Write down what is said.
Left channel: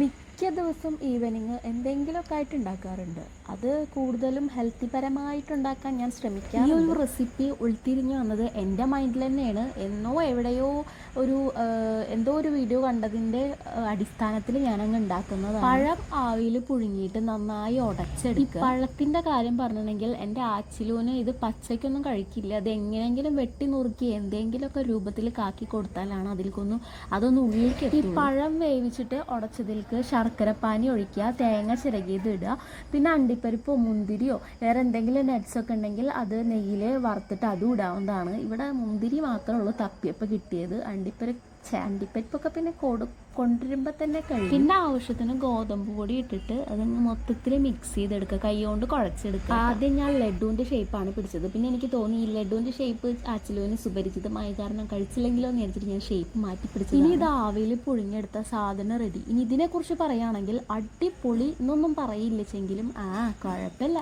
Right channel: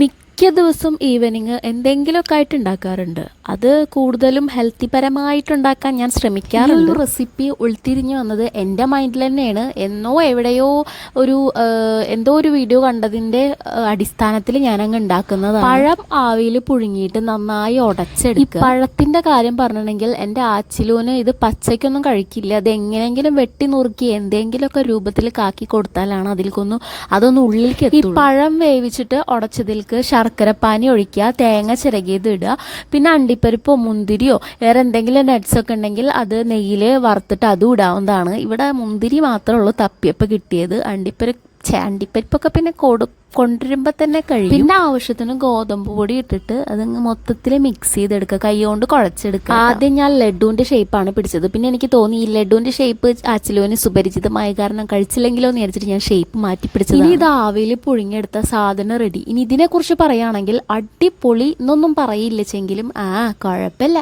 മിക്ക ദിവസം ഈവനിങ് എന്തെങ്കിലുമൊക്കെ ആയിട്ട് ഉണ്ടാക്കാറുണ്ട്. അത് കൂടുതലും ഹെൽത്തി പരമായിട്ടുണ്ടാക്കാൻ ഞാൻ ശ്രമിക്കാറുണ്ട്. റെസിപ്പി ഉൾത്തിരിഞ്ഞു വന്നത് എൻ്റെ മൈൻഡിൽ തന്നെയാണ്. എവിടെയോ ഒരു എന്തോ ഒരു വീഡിയോ കണ്ടതിൻ്റെ അടിസ്ഥാനത്തിൽ ഞാനങ്ങ് ഉണ്ടാക്കുന്നതാണ്. പഴം ആവിയിൽ പുഴുങ്ങിയിട്ട് നന്നായി ഉടച്ചെടുക്കുക. ഈ പഴത്തിൻ്റെ കാര്യം പറഞ്ഞിട്ടുണ്ടെങ്കിൽ എൻ്റെ ആച്ചിലൂന് ഇത് പച്ചയ്ക്കൊന്നും കഴിക്കില്ല. അത് എങ്ങനെയെങ്കിലും വെട്ടി നുറുക്കി എന്തെങ്കിലുമൊക്കെ രൂപത്തിൽ കാക്കി കൊടുത്താലാണ് അതൊന്നും ഉള്ളിലേക്ക് എത്തുള്ളൂ. ഈ പഴം വേവിച്ചിട്ട് ഉടച്ചതിൽക്ക് ശർക്കരപ്പാനി ഒഴിക്കുക, തേങ്ങ ചിരകിയത് ഇടുക, പിന്നെ അണ്ടിപ്പരിപ്പോ മുന്തിരിയോ വേറെ എന്തെങ്കിലും നട്ട്സൊക്കെ ഉണ്ടെങ്കിൽ അത് നെയ്യിൽ വറുത്തിട്ട് അതും ഇടാവുന്നതാണ്. ഇവിടെ മുന്തിരി മാത്രമേ ഉള്ളൂ തപ്പിയപ്പോൾ കിട്ടിയത്. അണ്ടിപ്പരിപ്പൊക്കെ പിന്നെ കൊണ്ടുവരുമ്പോൾ തന്നെ കഴിയും. പിന്നെ ആവശ്യത്തിന് ഗോതമ്പ് പൊടി ഇട്ടിട്ട് അതങ്ങ് മൊത്തത്തിൽ മിക്സ് ചെയ്തെടുക്കുക, കൈ കൊണ്ട് കുഴച്ചെടുക്കുക. ആദ്യം ഞാൻ ലഡുവിൻ്റെ ഷേപ്പാണ് പിടിച്ചത്. പിന്നെ എനിക്ക് തോന്നി ഈ ലഡുവിൻ്റെ ഷേപ്പ് ആച്ചിലോന് സുപരിചിതമായ കാരണം കഴിച്ചില്ലെങ്കിലോ എന്ന് വിചാരിച്ചിട്ട് ഞാൻ ഷേപ്പ് മാറ്റി പിടിച്ചത്. ഇനി ഇത് ആവിയിൽ പുഴുങ്ങിയെടുത്ത സാധനം റെഡി. ഇനി ഇതിനെക്കുറിച്ച് പറയുകയാണെങ്കിൽ അടിപൊളി എന്നൊന്നും പറയില്ലെങ്കിലും കുഴപ്പമില്ല.